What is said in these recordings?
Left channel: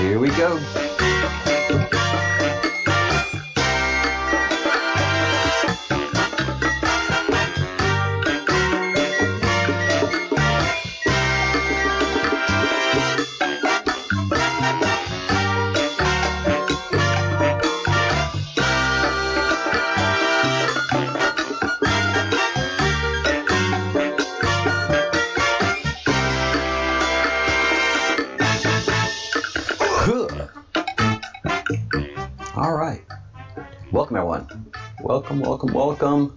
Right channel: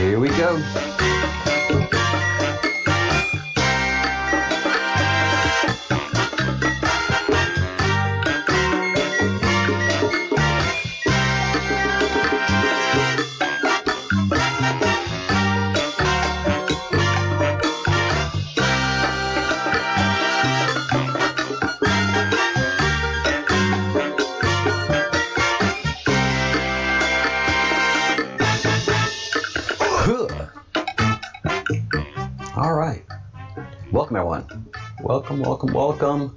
Here we go. All right. Welcome, everyone. Welcome.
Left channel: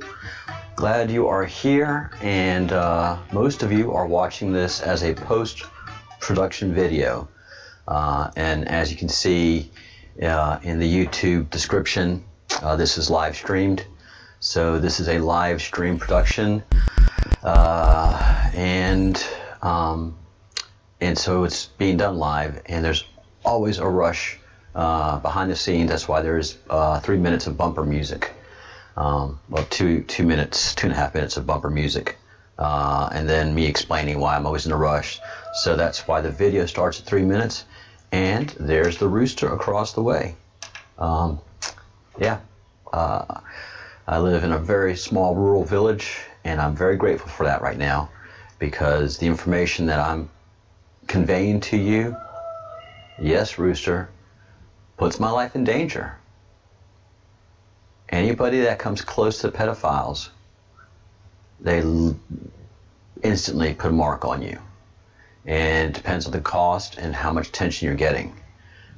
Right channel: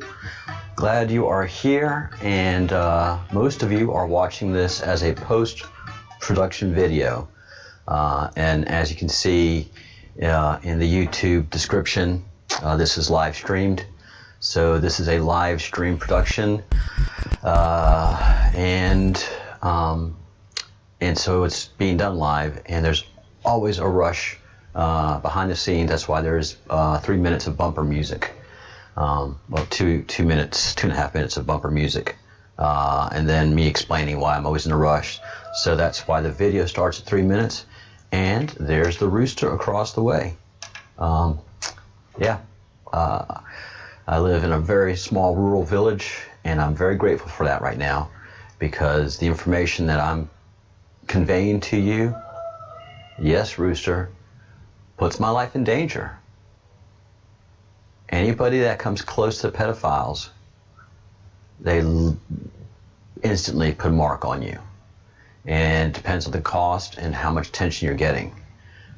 Glad you are here, and most of you are watching this as a post-production video. And as you can see in the YouTube description, this is live streamed. So this is a live stream production, and so it's being done live, and there's always a rush behind the scenes. That's why there's 3 minutes of bumper music. Well, 2.5 minutes of bumper music, and then me explaining why I'm always in a rush. So that's why the video starts at 3 minutes, and there's the rooster across the way. I live in a very small rural village, and I'm very grateful for that right now, because the information that I'm conveying to you, yes, rooster, puts my life in danger. Anybody that comes close to pedophiles, they instantly put a mark on you. And it depends on the cost and how much attention you're getting.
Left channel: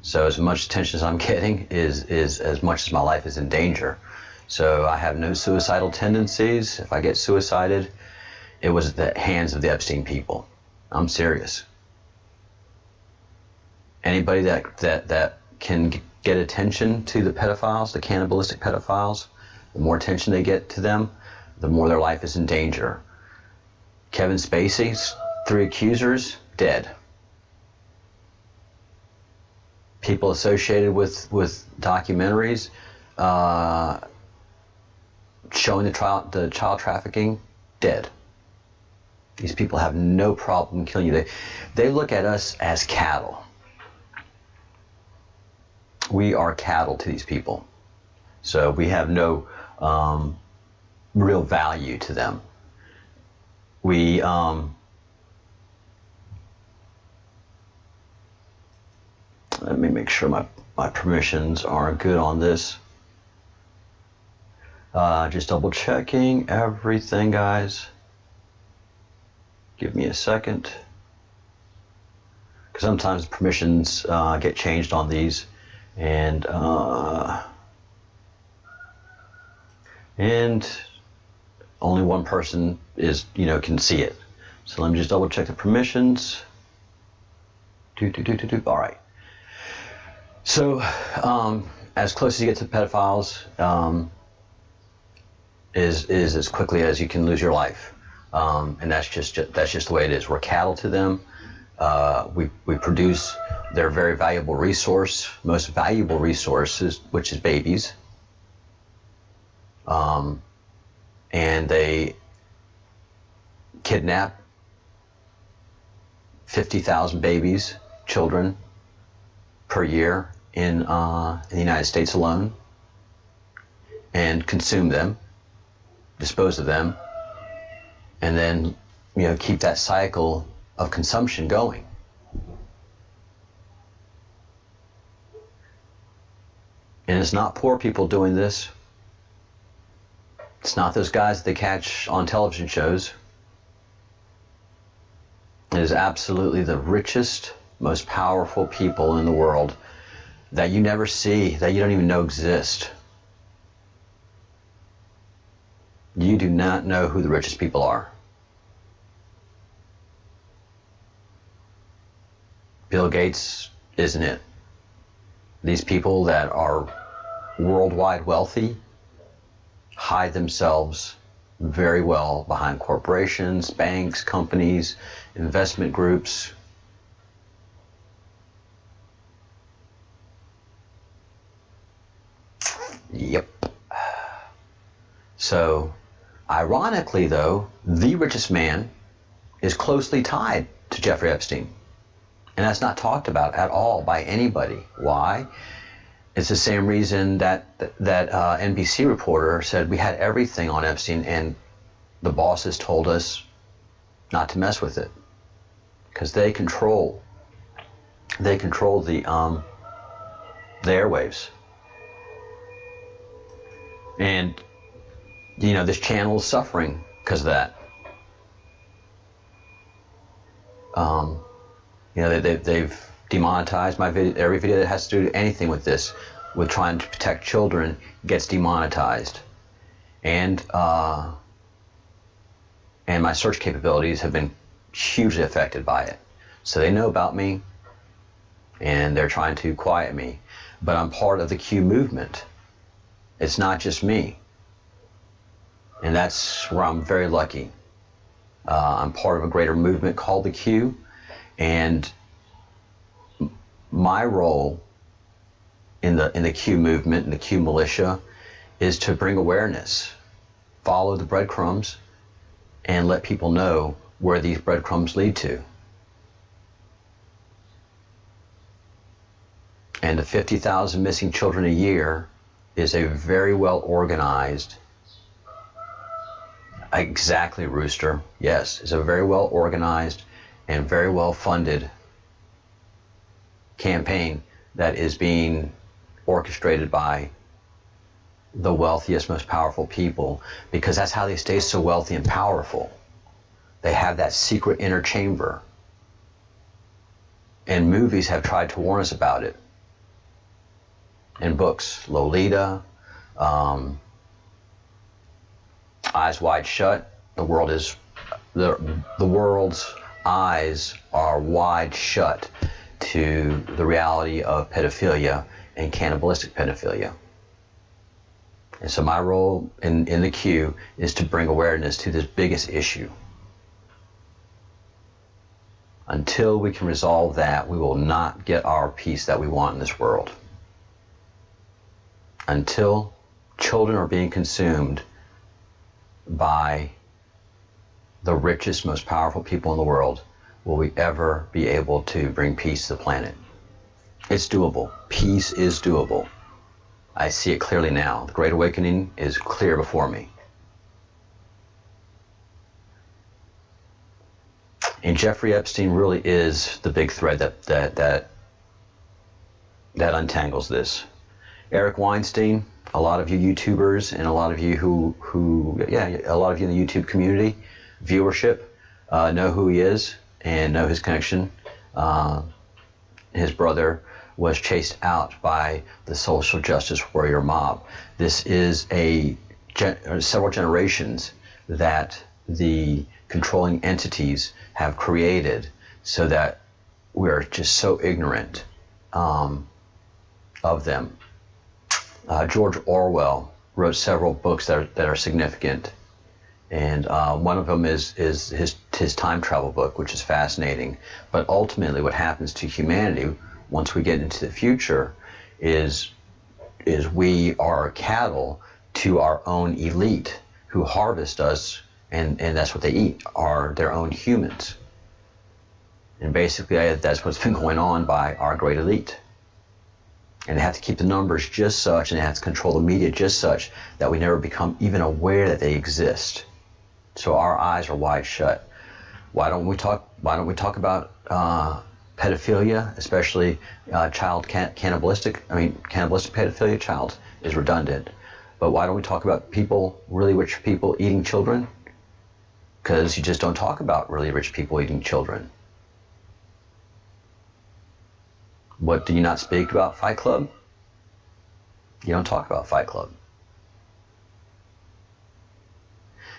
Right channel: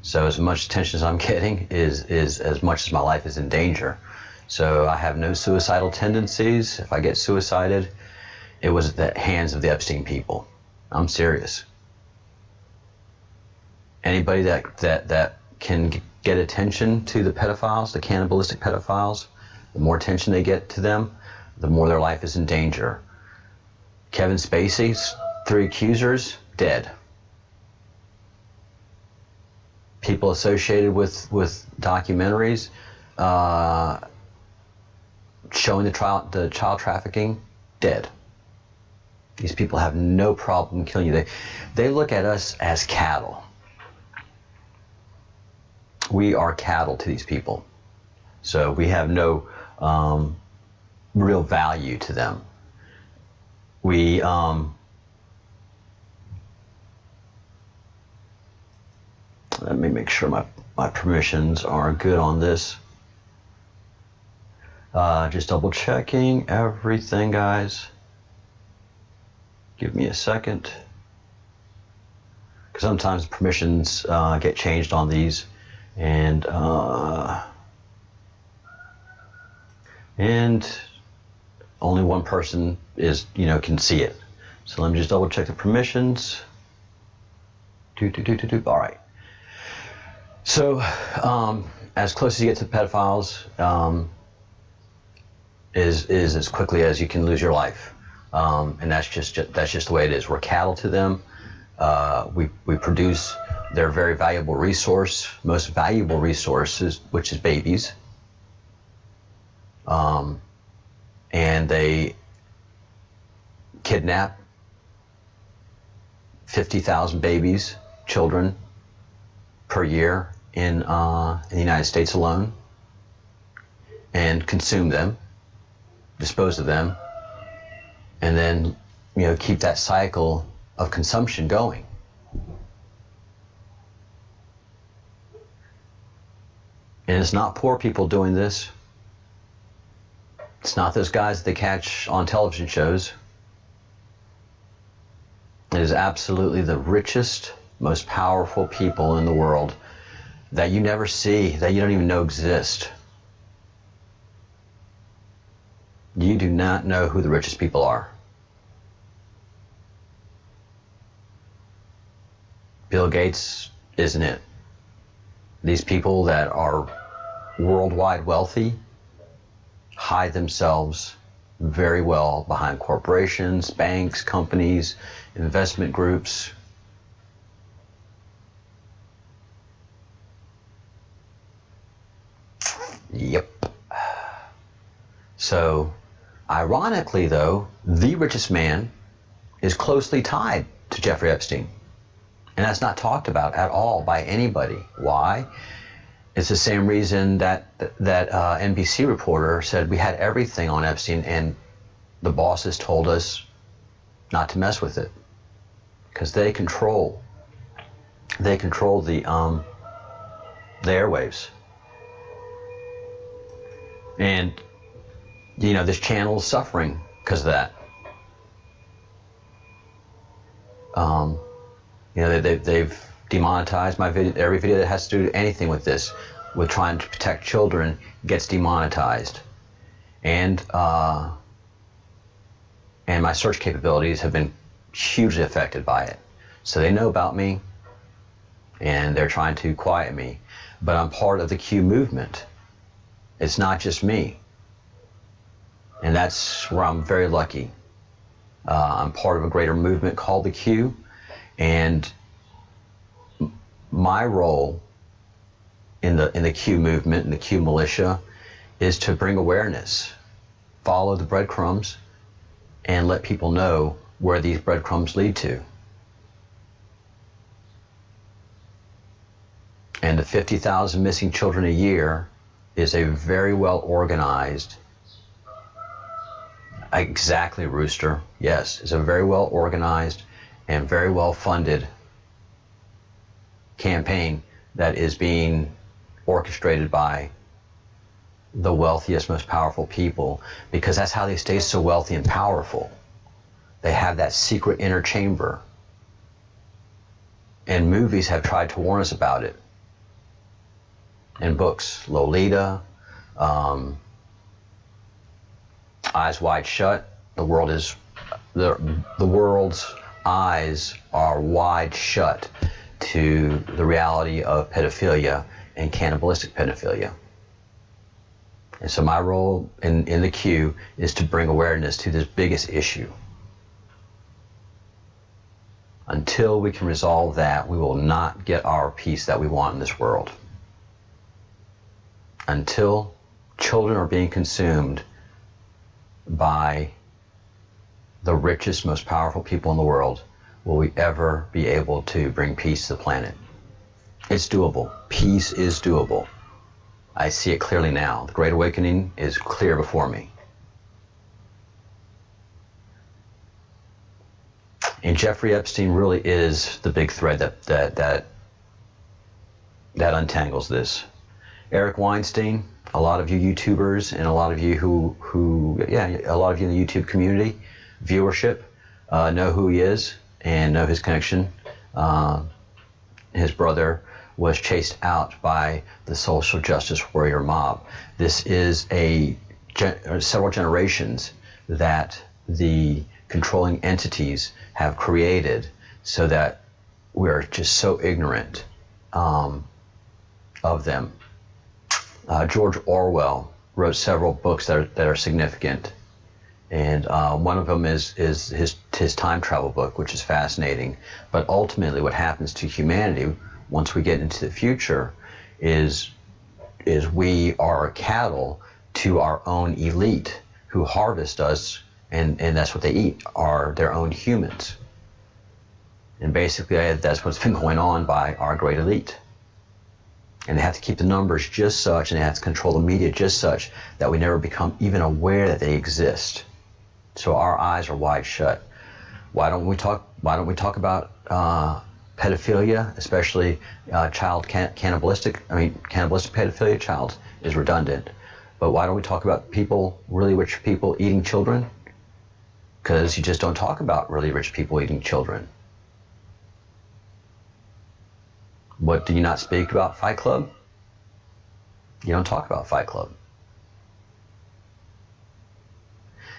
So as much attention as I'm getting is as much as my life is in danger. So I have no suicidal tendencies. If I get suicided, it was at the hands of the Epstein people. I'm serious. Anybody that can get attention to the pedophiles, the cannibalistic pedophiles, the more attention they get to them, the more their life is in danger. Kevin Spacey's 3 accusers, dead. People associated with documentaries showing the child trafficking, dead. These people have no problem killing you. They look at us as cattle. We are cattle to these people. So we have no real value to them. We let me make sure my permissions are good on this. Just double checking everything, guys. Give me a second. Because sometimes permissions get changed on these. And only one person can see it. So let me just double check the permissions. All right. So as close as you get to pedophiles is as quickly as you can lose your life, and that's just the way it is. We're cattle to them. We produce their very valuable resource, most valuable resources, which is babies. And they kidnap 50,000 babies, children, per year in the United States alone, and consume them, dispose of them, and then keep that cycle of consumption going. And it's not poor people doing this. It's not those guys that they catch on television shows. It is absolutely the richest, most powerful people in the world that you never see, that you don't even know exist. You do not know who the richest people are. Bill Gates isn't it. These people that are worldwide wealthy hide themselves very well behind corporations, banks, companies, investment groups. Yep. So, ironically though, the richest man is closely tied to Jeffrey Epstein. And that's not talked about at all by anybody. Why? It's the same reason that NBC reporter said we had everything on Epstein and the bosses told us not to mess with it, because they control the airwaves. And this channel is suffering because of that. They've demonetized my video. Every video that has to do anything with this, with trying to protect children, gets demonetized. And my search capabilities have been hugely affected by it. So they know about me, and they're trying to quiet me. But I'm part of the Q movement. It's not just me. And that's where I'm very lucky. I'm part of a greater movement called the Q, and my role in the Q movement, in the Q militia, is to bring awareness, follow the breadcrumbs, and let people know where these breadcrumbs lead to. And the 50,000 missing children a year is a very well organized, exactly, Rooster, yes, it's a very well organized and very well funded campaign that is being orchestrated by the wealthiest, most powerful people, because that's how they stay so wealthy and powerful. They have that secret inner chamber. And movies have tried to warn us about it. In books, Lolita, Eyes Wide Shut, the world's eyes are wide shut to the reality of pedophilia and cannibalistic pedophilia. And so my role in the Q is to bring awareness to this biggest issue. Until we can resolve that, we will not get our peace that we want in this world. Until children are being consumed by the richest, most powerful people in the world, will we ever be able to bring peace to the planet. It's doable. Peace is doable. I see it clearly now. The Great Awakening is clear before me. And Jeffrey Epstein really is the big thread that untangles this. Eric Weinstein, a lot of you YouTubers and a lot of you a lot of you in the YouTube community, viewership, know who he is and know his connection. His brother was chased out by the social justice warrior mob. This is several generations that the controlling entities have created so that we're just so ignorant of them. George Orwell wrote several books that are significant, and one of them is his time travel book, which is fascinating. But ultimately, what happens to humanity once we get into the future is we are cattle to our own elite who harvest us, and that's what they eat, are their own humans. And basically, that's what's been going on by our great elite. And they have to keep the numbers just such, and they have to control the media just such that we never become even aware that they exist. So our eyes are wide shut. Why don't we talk about pedophilia, especially cannibalistic pedophilia? Child is redundant. But why don't we talk about people, really rich people eating children? Because you just don't talk about really rich people eating children. What do you not speak about? Fight Club? You don't talk about Fight Club.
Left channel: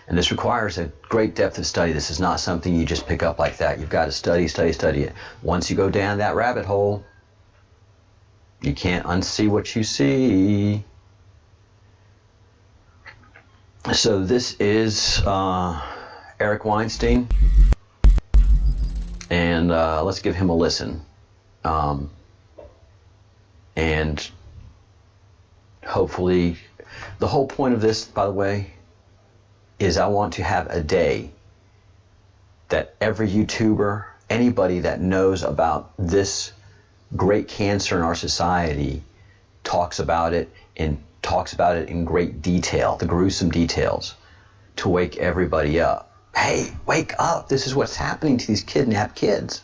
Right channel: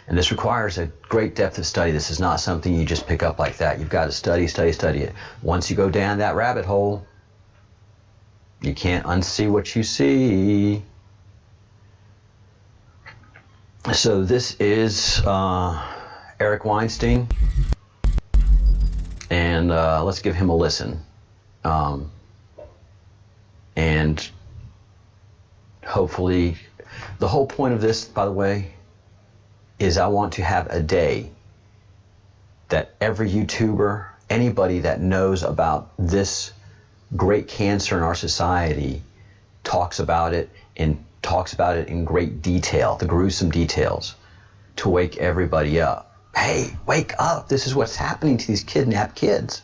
And this requires a great depth of study. This is not something you just pick up like that. You've got to study it. Once you go down that rabbit hole, you can't unsee what you see. So this is Eric Weinstein, and let's give him a listen. And hopefully, the whole point of this, by the way, is I want to have a day that every YouTuber, anybody that knows about this great cancer in our society talks about it in great detail, the gruesome details, to wake everybody up. Hey, wake up. This is what's happening to these kidnapped kids.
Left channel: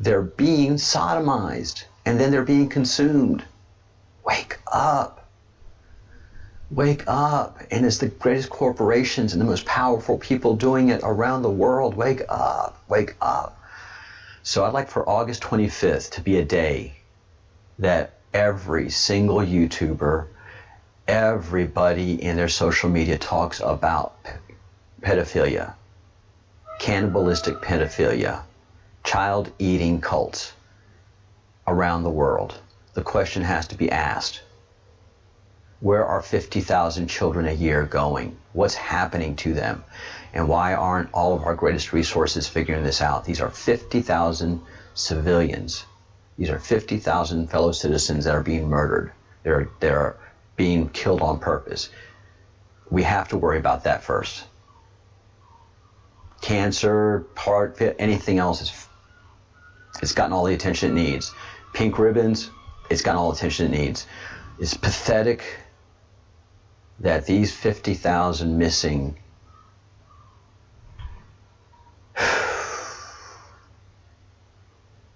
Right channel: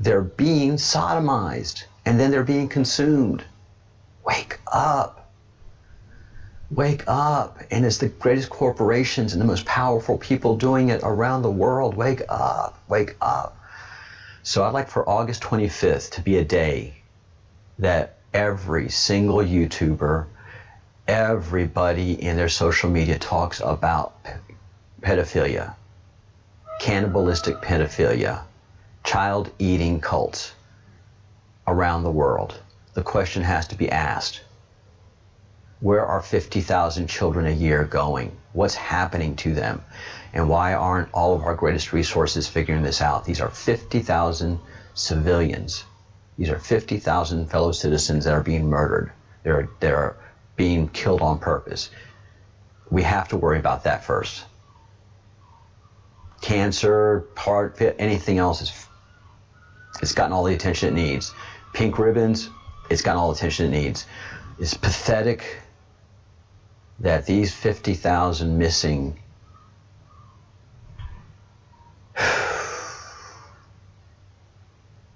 They're being sodomized, and then they're being consumed. Wake up. Wake up. And it's the greatest corporations and the most powerful people doing it around the world. Wake up. Wake up. So I'd like for August 25th to be a day that every single YouTuber, everybody in their social media talks about pedophilia, cannibalistic pedophilia, child-eating cults around the world. The question has to be asked, where are 50,000 children a year going? What's happening to them? And why aren't all of our greatest resources figuring this out? These are 50,000 civilians. These are 50,000 fellow citizens that are being murdered. They're being killed on purpose. We have to worry about that first. Cancer, heart, anything else, it's gotten all the attention it needs. Pink ribbons, it's gotten all the attention it needs. It's pathetic that these 50,000 missing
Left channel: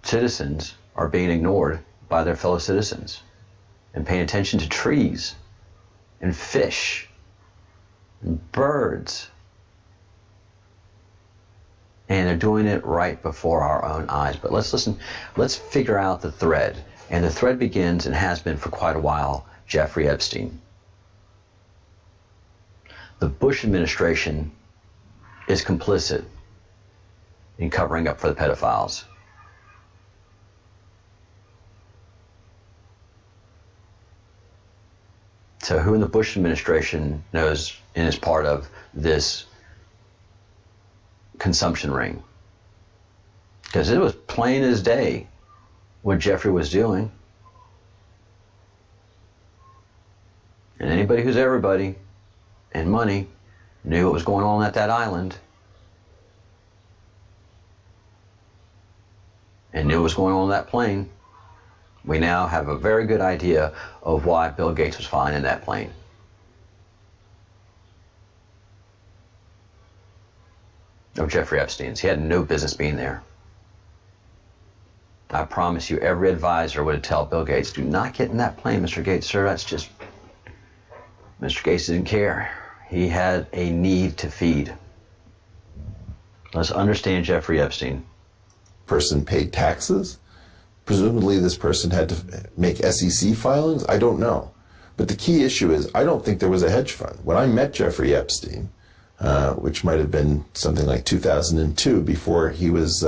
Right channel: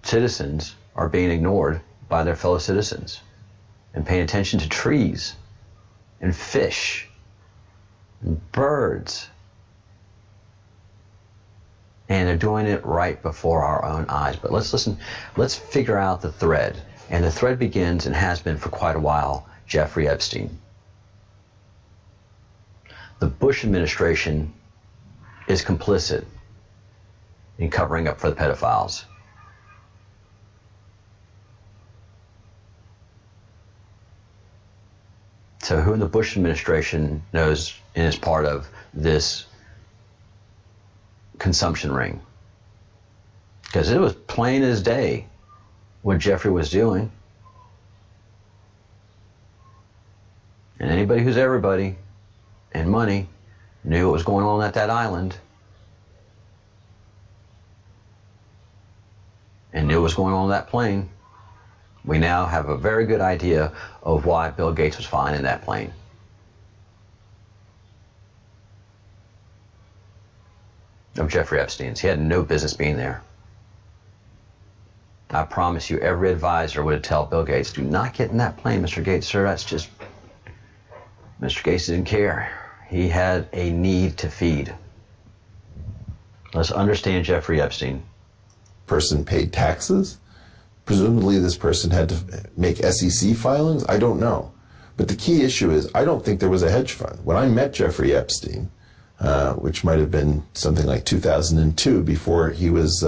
citizens are being ignored by their fellow citizens and paying attention to trees and fish and birds. And they're doing it right before our own eyes. But let's listen, let's figure out the thread. And the thread begins, and has been for quite a while, Jeffrey Epstein. The Bush administration is complicit in covering up for the pedophiles. So who in the Bush administration knows and is part of this consumption ring? Because it was plain as day what Jeffrey was doing. And anybody who's everybody and money knew what was going on at that island and knew what was going on that plane. We now have a very good idea of why Bill Gates was flying in that plane. Of Jeffrey Epstein's. He had no business being there. I promise you, every advisor would have told Bill Gates, do not get in that plane, Mr. Gates, sir. That's just... Mr. Gates didn't care. He had a need to feed. Let's understand Jeffrey Epstein. Person paid taxes. Presumably this person had to make SEC filings. I don't know. But the key issue is, I don't think there was a hedge fund. When I met Jeffrey Epstein, which might have been something like 2002, before he was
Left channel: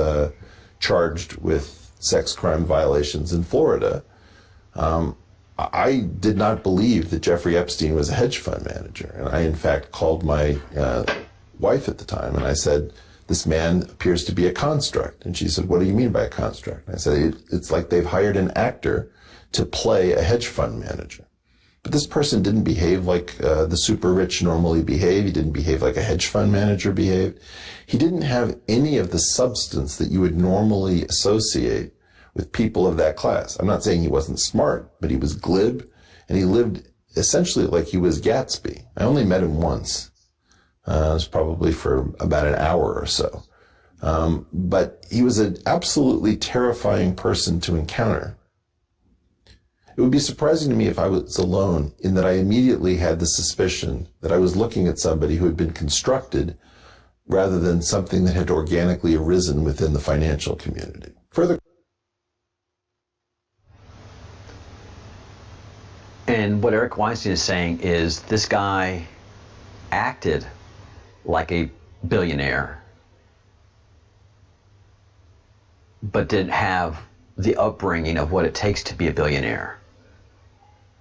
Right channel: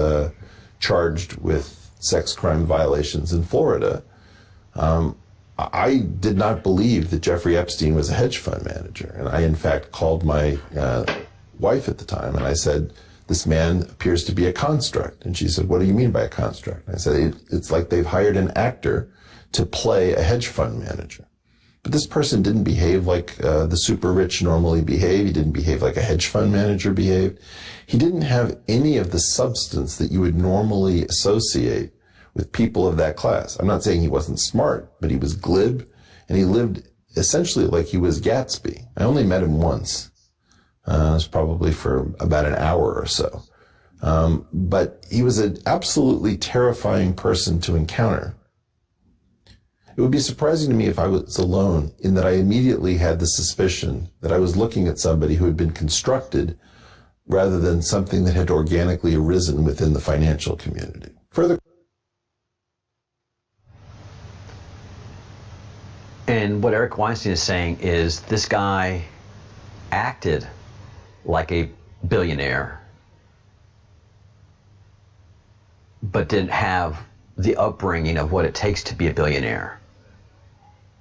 charged with sex crime violations in Florida, I did not believe that Jeffrey Epstein was a hedge fund manager. And I, in fact, called my wife at the time, and I said, this man appears to be a construct. And she said, what do you mean by a construct? And I said, it's like they've hired an actor to play a hedge fund manager. But this person didn't behave like the super rich normally behave. He didn't behave like a hedge fund manager behaved. He didn't have any of the substance that you would normally associate with people of that class. I'm not saying he wasn't smart, but he was glib, and he lived essentially like he was Gatsby. I only met him once. It was probably for about an hour or so. But he was an absolutely terrifying person to encounter. It would be surprising to me if I was alone, in that I immediately had the suspicion that I was looking at somebody who had been constructed rather than something that had organically arisen within the financial community. Further. And what Eric Weinstein is saying is this guy acted like a billionaire, but didn't have the upbringing of what it takes to be a billionaire.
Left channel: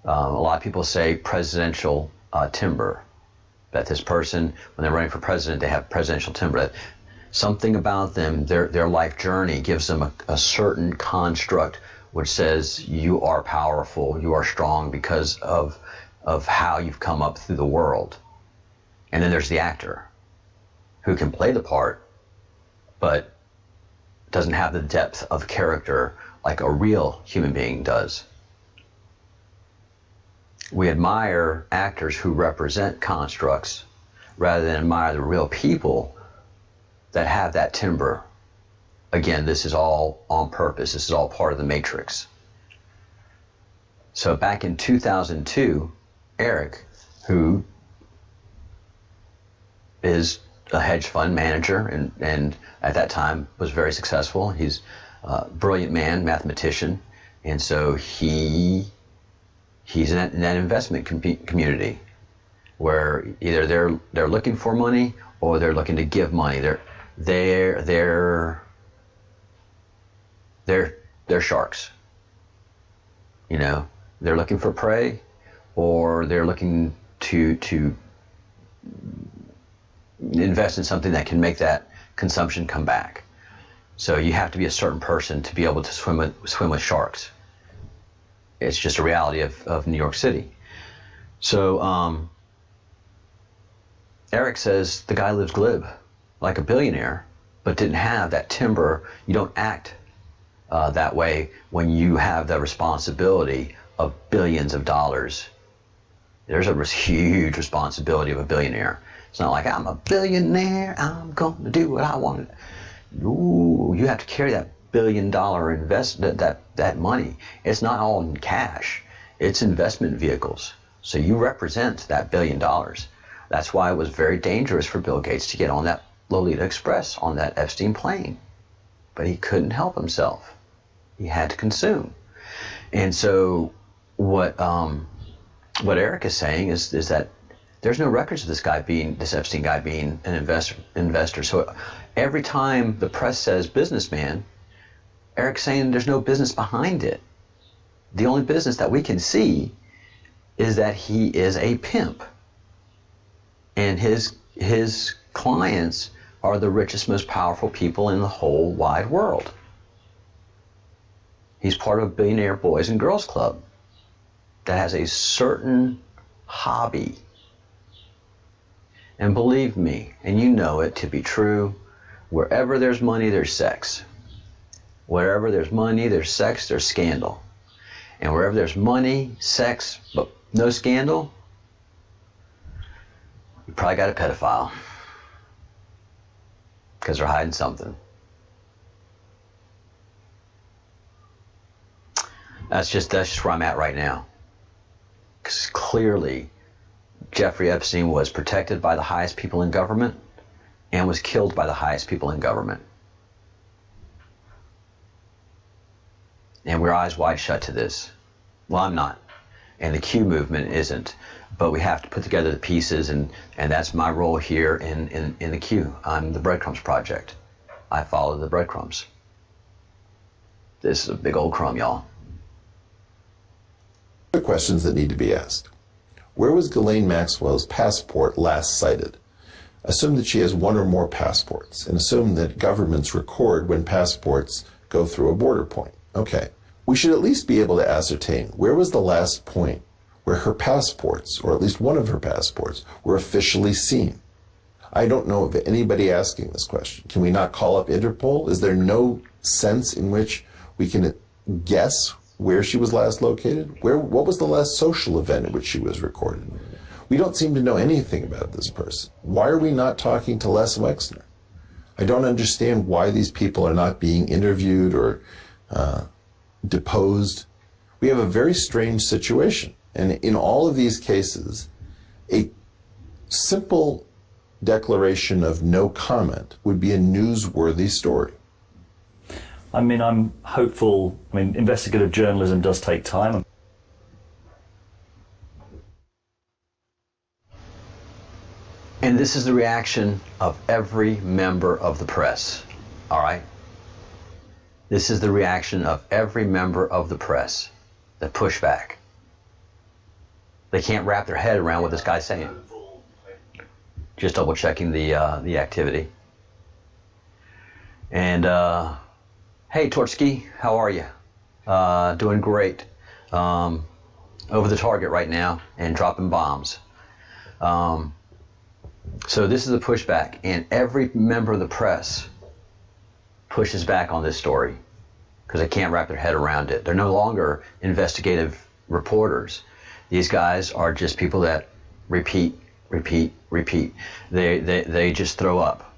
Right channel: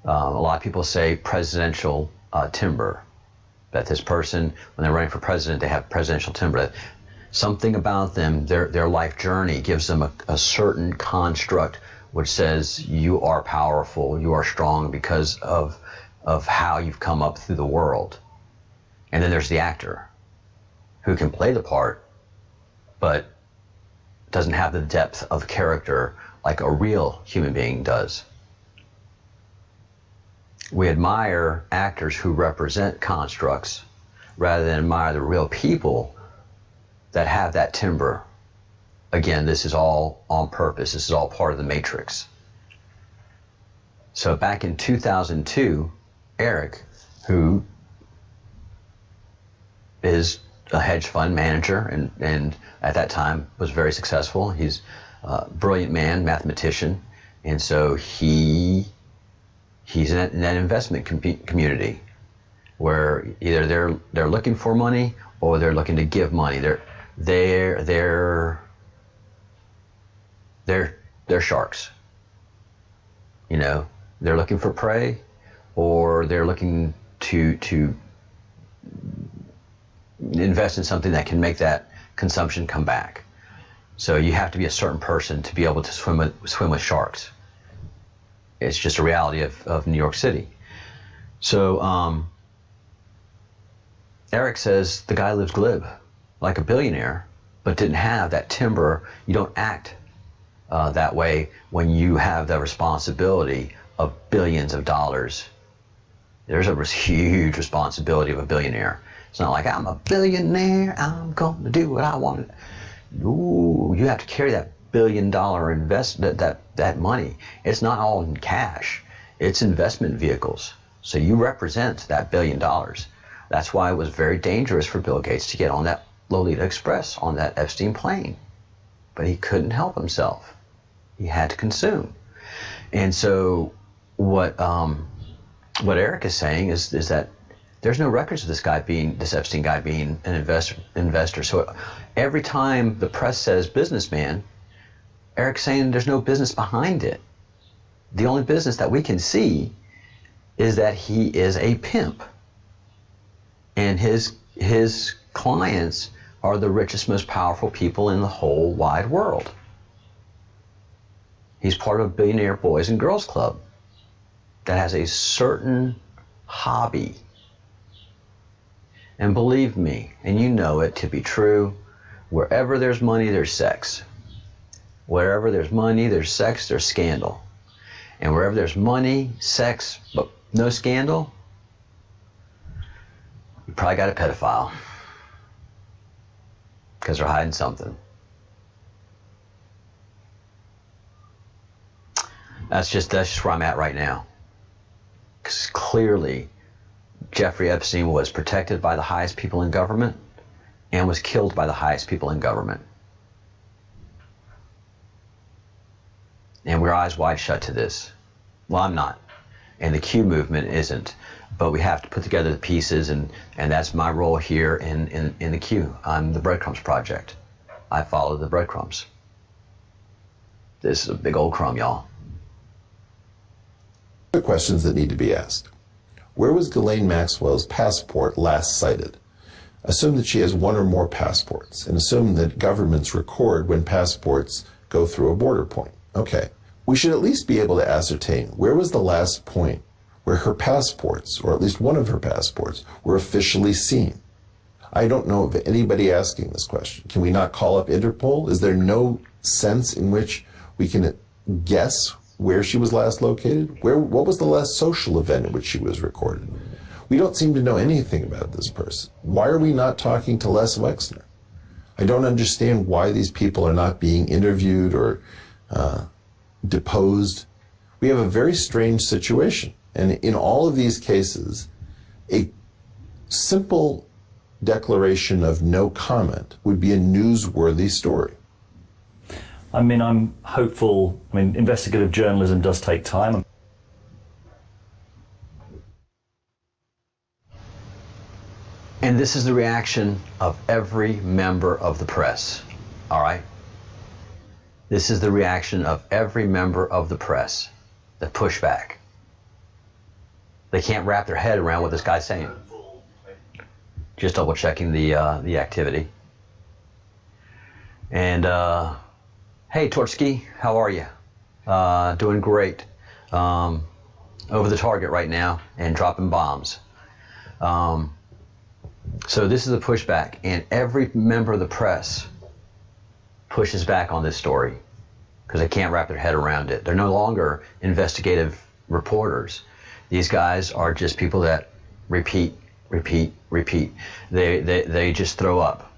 A lot of people say presidential timber, that this person, when they're running for president, they have presidential timber. Something about them, their life journey gives them a certain construct which says you are powerful, you are strong because of how you've come up through the world. And then there's the actor who can play the part, but doesn't have the depth of character like a real human being does. We admire actors who represent constructs rather than admire the real people that have that timber. Again, this is all on purpose. This is all part of the matrix. So back in 2002, Eric, who is a hedge fund manager and at that time was very successful. He's a brilliant man, mathematician, and so he's in that investment community where either they're looking for money or they're looking to give money. They're sharks. You know, they're looking for prey, or they're looking to invest in something that can make that consumption come back. So you have to be a certain person to be able to swim with sharks. It's just a reality of New York City. So Eric says the guy lives glib, like a billionaire, but didn't have that timber. You don't act that way when you have the responsibility of billions of dollars. There's a huge responsibility of a billionaire. It's not like, I'm a billionaire, I'm going to do what I want. Ooh, you have to carry that $1 billion investment, that money. It's not all in cash. It's investment vehicles. So you represent that $1 billion. That's why it was very dangerous for Bill Gates to get on that Lolita Express, on that Epstein plane. But he couldn't help himself. He had to consume. And so what Eric is saying is that there's no records of this Epstein guy being an investor. So every time the press says businessman, Eric's saying there's no business behind it. The only business that we can see is that he is a pimp. And his clients are the richest, most powerful people in the whole wide world. He's part of a billionaire boys and girls club that has a certain hobby. And believe me, and you know it to be true, wherever there's money, there's sex. Wherever there's money, there's sex, there's scandal. And wherever there's money, sex, but no scandal, you probably got a pedophile. Because they're hiding something. That's just where I'm at right now. Because clearly, Jeffrey Epstein was protected by the highest people in government and was killed by the highest people in government. And we're eyes wide shut to this. Well, I'm not. And the Q movement isn't. But we have to put together the pieces, and that's my role here in the Q. I'm the Breadcrumbs Project. I follow the breadcrumbs. This is a big old crumb, y'all. The questions that need to be asked. Where was Ghislaine Maxwell's passport last cited? Assume that she has one or more passports, and assume that governments record when passports go through a border point. Okay. We should at least be able to ascertain where was the last point where her passports, or at least one of her passports, were officially seen. I don't know of anybody asking this question. Can we not call up Interpol? Is there no sense in which we can guess where she was last located? What was the last social event at which she was recorded? We don't seem to know anything about this person. Why are we not talking to Les Wexner? I don't understand why these people are not being interviewed or deposed. We have a very strange situation. And in all of these cases, a simple declaration of no comment would be a newsworthy story. I mean, I'm hopeful. I mean, investigative journalism does take time. And this is the reaction of every member of the press, all right? This is the reaction of every member of the press, the pushback. They can't wrap their head around what this guy's saying. Just double checking the activity. And hey, Tortsky, how are you? Doing great. Over the target right now and dropping bombs. So this is a pushback, and every member of the press pushes back on this story because they can't wrap their head around it. They're no longer investigative reporters. These guys are just people that repeat. They just throw up.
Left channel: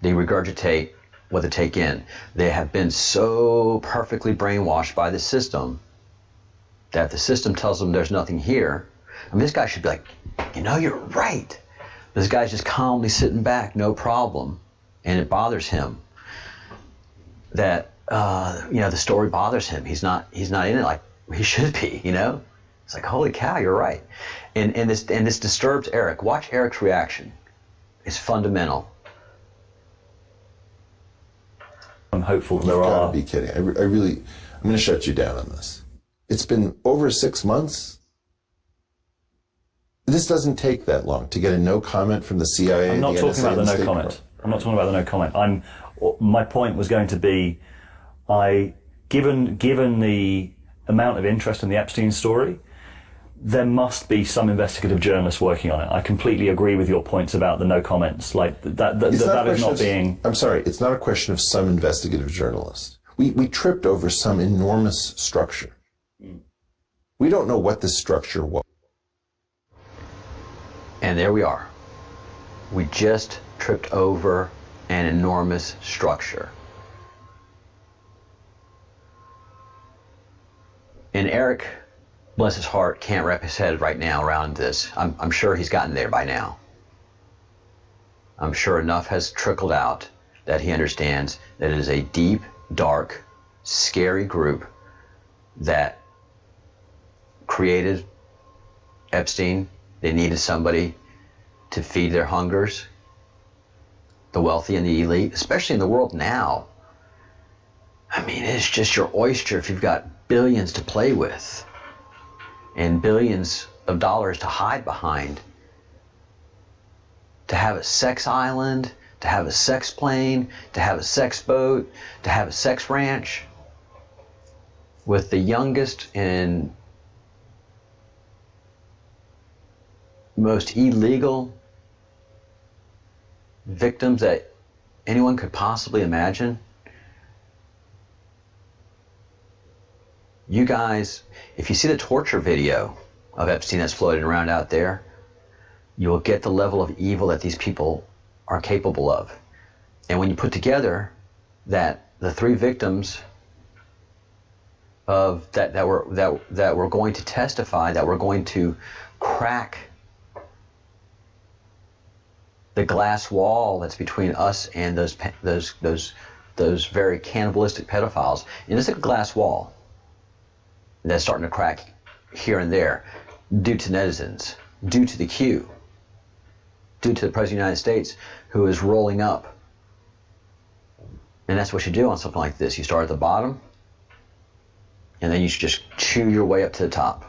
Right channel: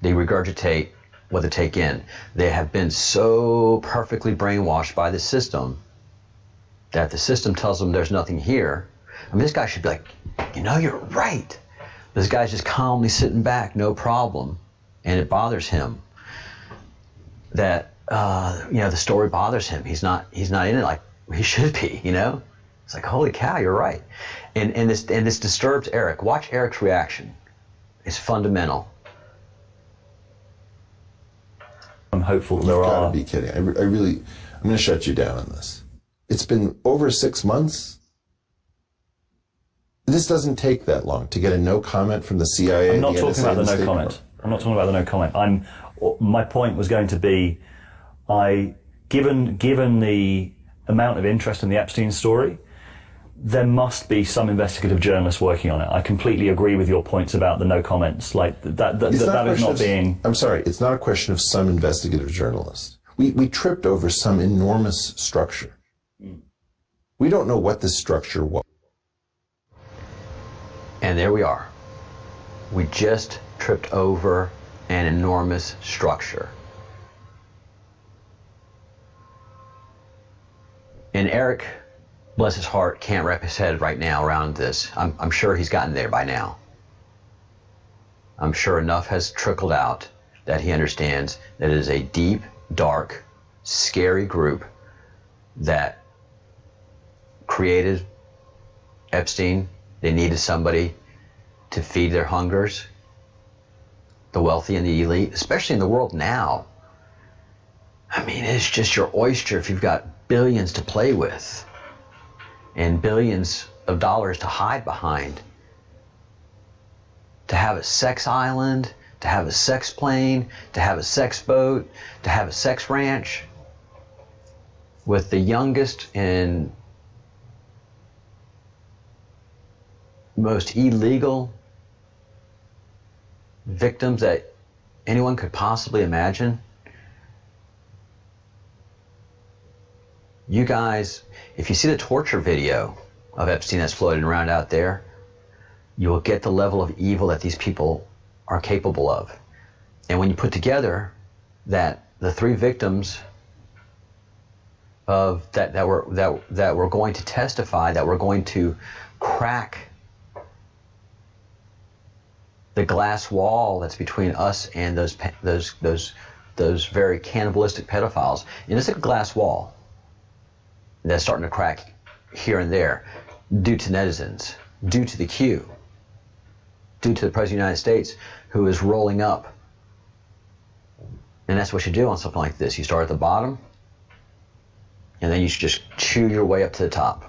They regurgitate what they take in. They have been so perfectly brainwashed by the system that the system tells them there's nothing here. I mean, this guy should be like, you know, you're right. This guy's just calmly sitting back, no problem. And it bothers him that, you know, the story bothers him. He's not in it like he should be, you know? It's like, holy cow, you're right. And this disturbs Eric. Watch Eric's reaction. It's fundamental. I'm hopeful You've there got are. to be kidding. I'm going to shut you down on this. It's been over 6 months. This doesn't take that long to get a no comment from the CIA. I'm not the talking NSA, about the and no State comment. Department. I'm not talking about the no comment. My point was going to be, given the amount of interest in the Epstein story, there must be some investigative journalists working on it. I completely agree with your points about the no comments. Like that is not being. I'm sorry. It's not a question of some investigative journalists. We tripped over some enormous structure. We don't know what this structure was. And there we are. We just tripped over an enormous structure. And Eric, bless his heart, can't wrap his head right now around this. I'm sure he's gotten there by now. I'm sure enough has trickled out that he understands that it is a deep, dark, scary group that created Epstein. They needed somebody to feed their hungers, the wealthy and the elite, especially in the world now. I mean, it's just your oyster if you've got billions to play with and billions of dollars to hide behind. To have a sex island, to have a sex plane, to have a sex boat, to have a sex ranch with the youngest and most illegal victims that anyone could possibly imagine. You guys, if you see the torture video of Epstein that's floating around out there, you will get the level of evil that these people are capable of. And when you put together that the three victims of that were going to testify, that were going to crack the glass wall that's between us and those very cannibalistic pedophiles, and it's a glass wall that's starting to crack here and there due to netizens, due to the Q, due to the President of the United States, who is rolling up. And that's what you do on something like this. You start at the bottom, and then you just chew your way up to the top.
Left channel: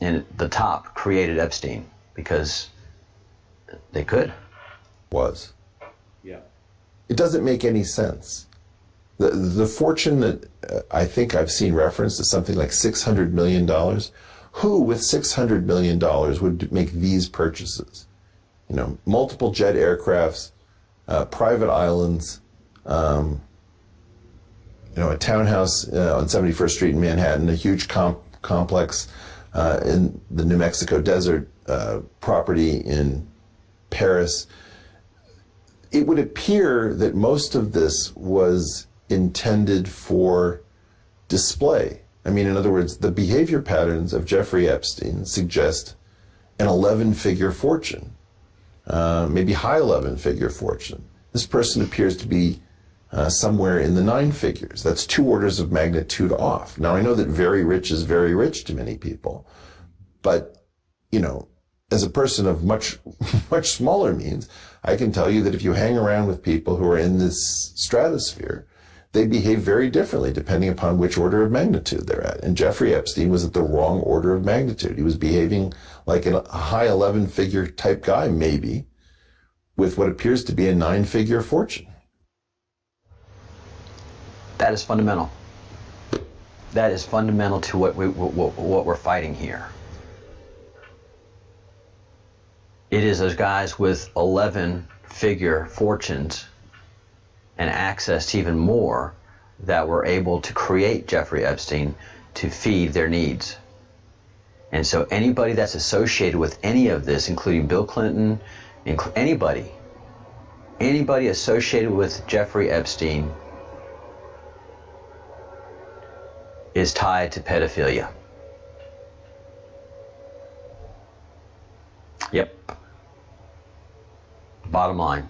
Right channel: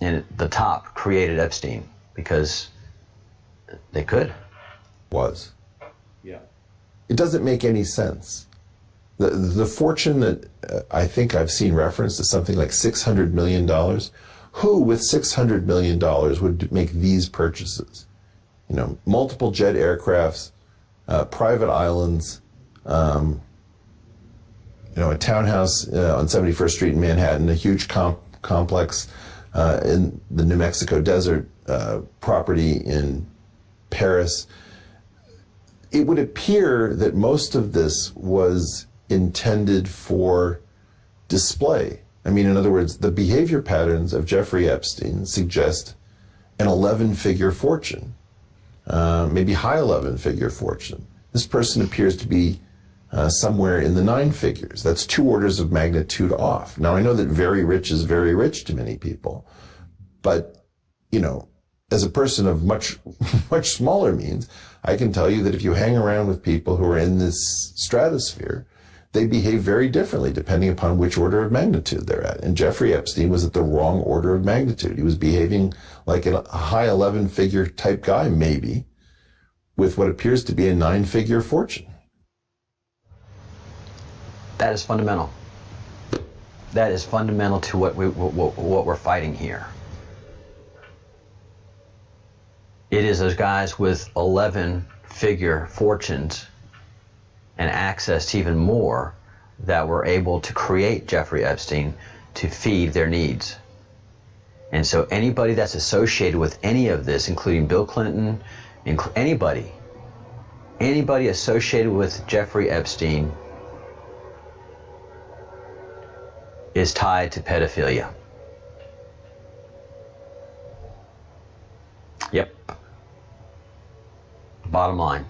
And the top created Epstein because they could. Was. Yeah. It doesn't make any sense. The fortune that I think I've seen referenced is something like $600 million. Who with $600 million would make these purchases? You know, multiple jet aircrafts, private islands, you know, a townhouse on 71st Street in Manhattan, a huge complex in the New Mexico desert, property in Paris. It would appear that most of this was intended for display. I mean, in other words, the behavior patterns of Jeffrey Epstein suggest an 11-figure fortune, maybe high 11-figure fortune. This person appears to be somewhere in the 9 figures. That's 2 orders of magnitude off. Now, I know that very rich is very rich to many people, but, you know, as a person of much smaller means, I can tell you that if you hang around with people who are in this stratosphere, they behave very differently depending upon which order of magnitude they're at. And Jeffrey Epstein was at the wrong order of magnitude. He was behaving like a high 11-figure type guy, maybe, with what appears to be a 9-figure fortune. That is fundamental. That is fundamental to what we're fighting here. It is those guys with 11-figure fortunes and access to even more that were able to create Jeffrey Epstein to feed their needs. And so anybody that's associated with any of this, including Bill Clinton, anybody associated with Jeffrey Epstein is tied to pedophilia. Yep. Bottom line.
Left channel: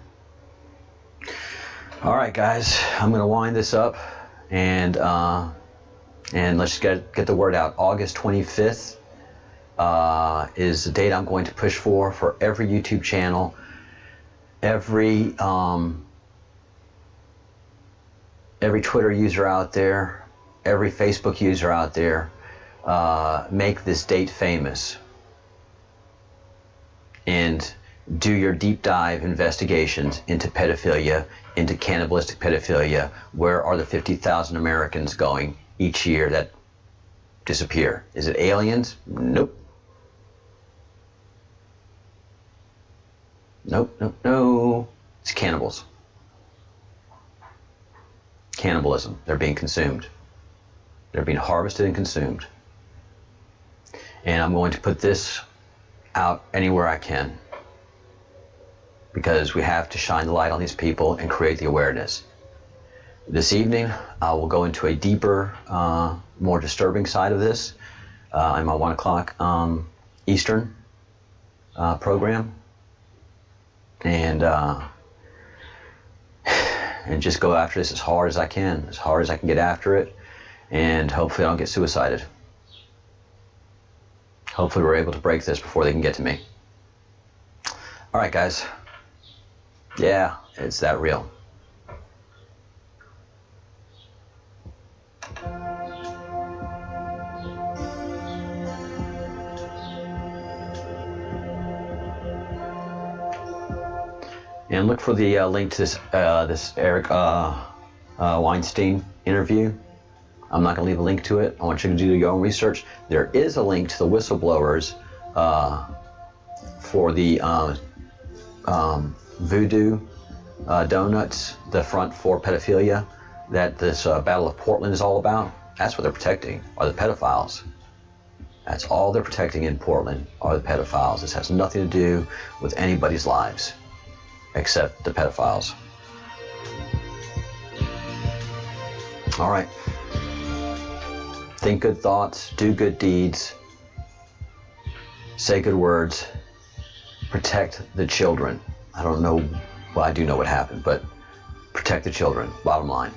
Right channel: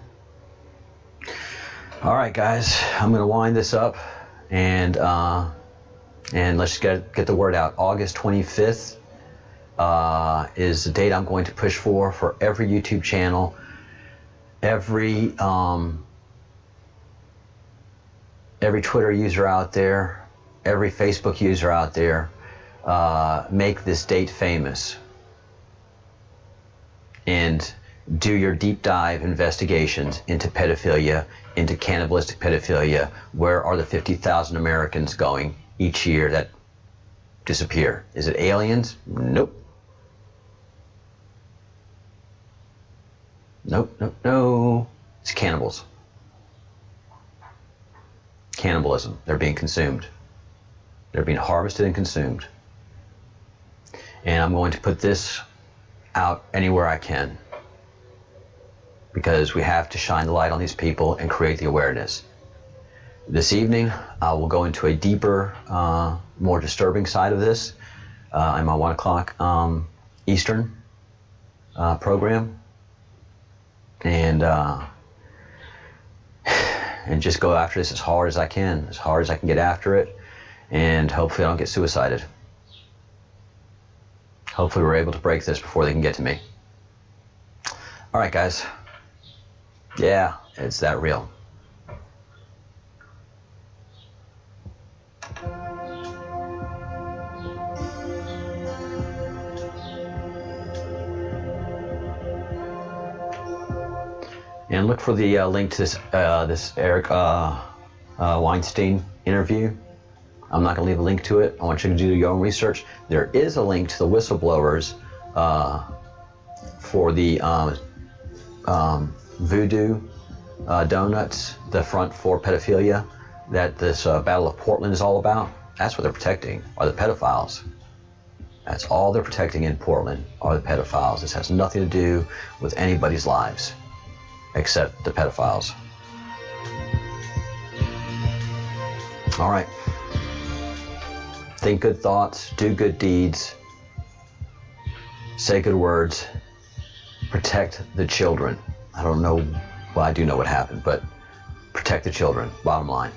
All right, guys, I'm going to wind this up, and let's get the word out. August 25th is the date I'm going to push for every YouTube channel, every Twitter user out there, every Facebook user out there. Make this date famous and do your deep dive investigations into pedophilia, into cannibalistic pedophilia. Where are the 50,000 Americans going each year that disappear? Is it aliens? Nope. No. It's cannibals. Cannibalism. They're being consumed. They're being harvested and consumed. And I'm going to put this out anywhere I can, because we have to shine the light on these people and create the awareness. This evening, I will go into a deeper, more disturbing side of this in my 1 o'clock Eastern program, and just go after this as hard as I can get after it, and hopefully I don't get suicided. Hopefully we're able to break this before they can get to me. All right, guys. Yeah, it's that real. And look for the link to this Eric Weinstein interview. I'm not going to leave a link to it. I want you to do your own research. There is a link to the whistleblowers for the Voodoo, Doughnuts, the front for pedophilia that this Battle of Portland is all about. That's what they're protecting, are the pedophiles. That's all they're protecting in Portland, are the pedophiles. This has nothing to do with anybody's lives except the pedophiles. All right. Think good thoughts, do good deeds, say good words, protect the children. I don't know, well, I do know what happened, but protect the children, bottom line.